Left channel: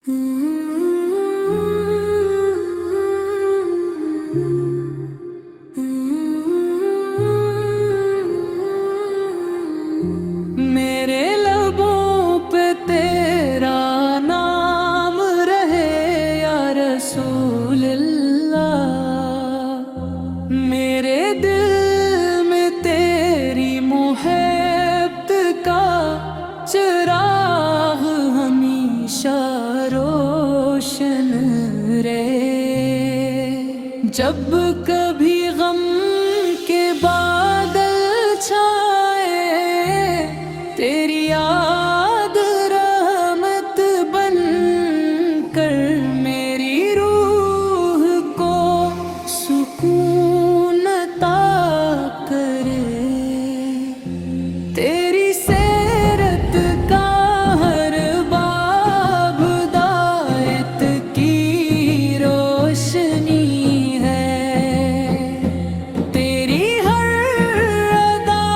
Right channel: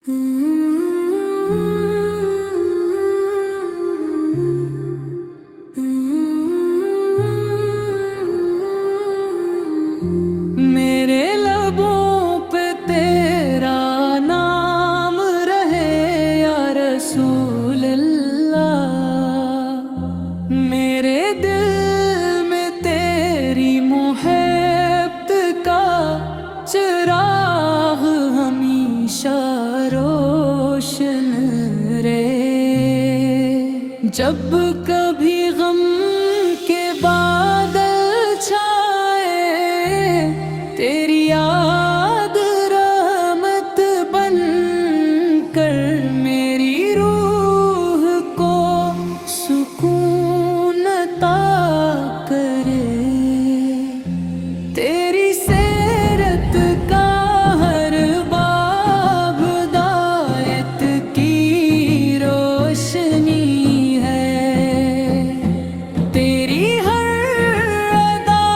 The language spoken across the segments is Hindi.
मेरे लबों पे तेरा नाम रहे या रसूल अल्लाह। मेरे दिल में तेरी मोहब्बत का चिराग हमेशा रोशन रहे। जब कभी गम के बादल छाए, तेरी याद रहमत बन कर मेरी रूह को सुकून अता करे। तेरी सीरत का हर बाब हिदायत की रोशनी है। तेरी हर अदा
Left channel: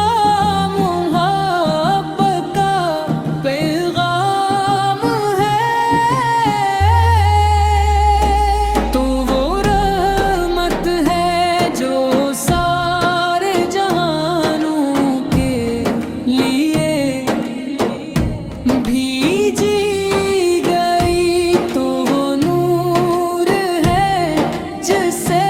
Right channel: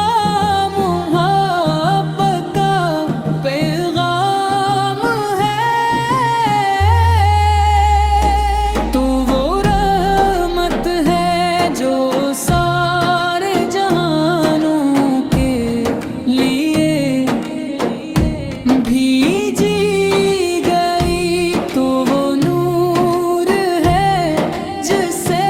मोहब्बत का पैगाम है। तो वो रहमत है जो सारे जहानों के लिए भीजी गई। तो वो नूर है जिससे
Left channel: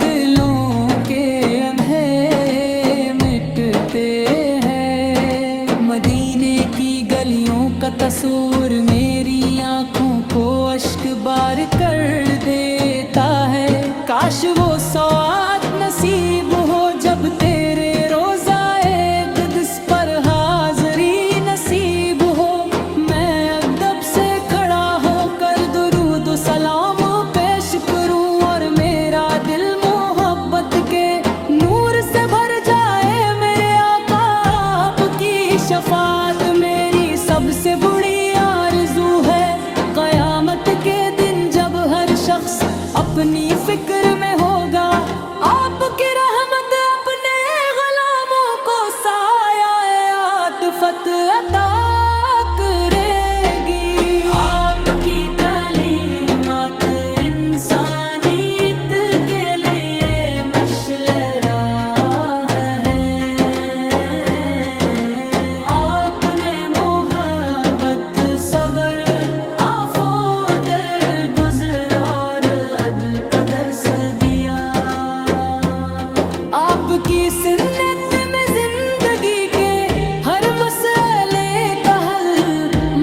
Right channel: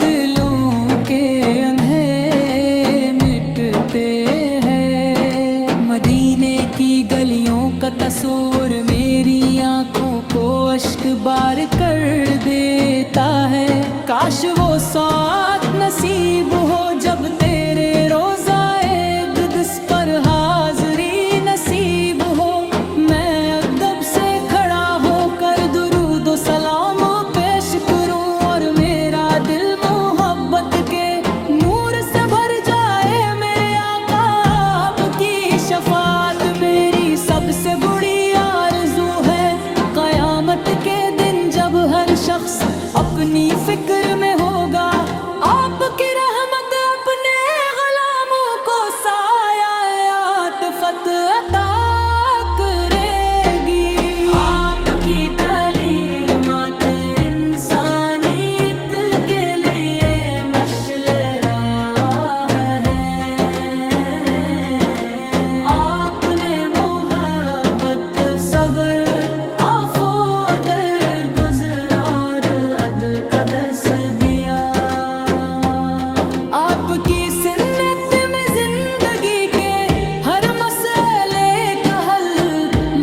दिलों के अंधेरे मिटते हैं। मदीने की गलियों का तस्वीर मेरी आंखों को अश्क बार कर देता है। काश वो साथ नसीब हो जब तेरे रोज़ाए क़ुद्स पर हाज़री नसीब हो। मैं अदब से खड़ा होकर दुरूद व सलाम पेश करूं और मेरा दिल मोहब्बत के नूर से भर जाए। मेरे आका आपकी शफाअत मेरी सबसे बड़ी आरज़ू है। क़यामत के दिन जब हर शख्स अपनी फिक्र में होगा, आपकी रहमत अपने ग़ुलामों को साया आतिफ़त अता करेगी। आपकी तालीमात इंसानियत के लिए मशाल राह है। आपने मोहब्बत सब्र आफ़ो दरगुज़र और अदकदस दिया। आपकी सुन्नत में जिंदगी के हर मसले का हल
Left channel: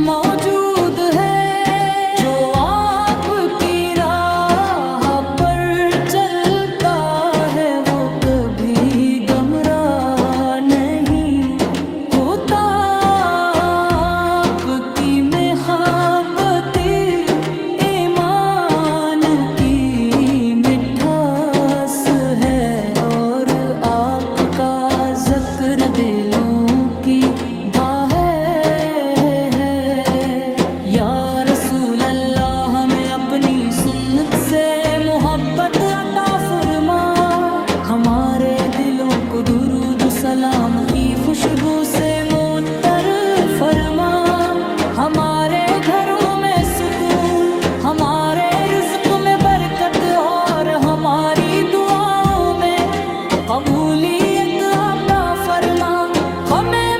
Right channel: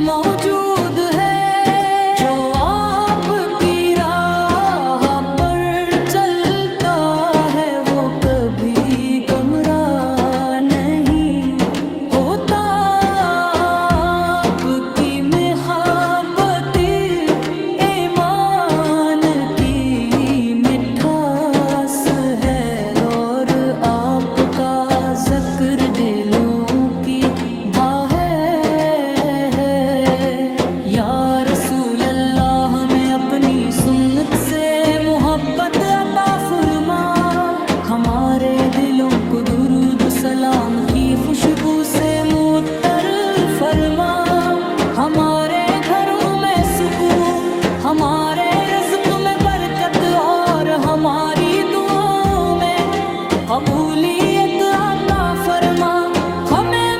मौजूद है। जो आपकी राह पर चलता है वो कभी गुमराह नहीं होता। आपकी मोहब्बत ईमान की मिठास है और आपका ज़िक्र दिलों की बाह है। या रसूल अल्लाह हमें अपनी सुन्नत से मोहब्बत अता फरमा। हमारे दिलों को दुरूद सलाम की खुशबू से मुअत्तर फरमा। हमारे घरों में सुकून, हमारे रिज़्क़ में बरकत और हमारी दुआओं में कबूलियत अता फरमा। हमें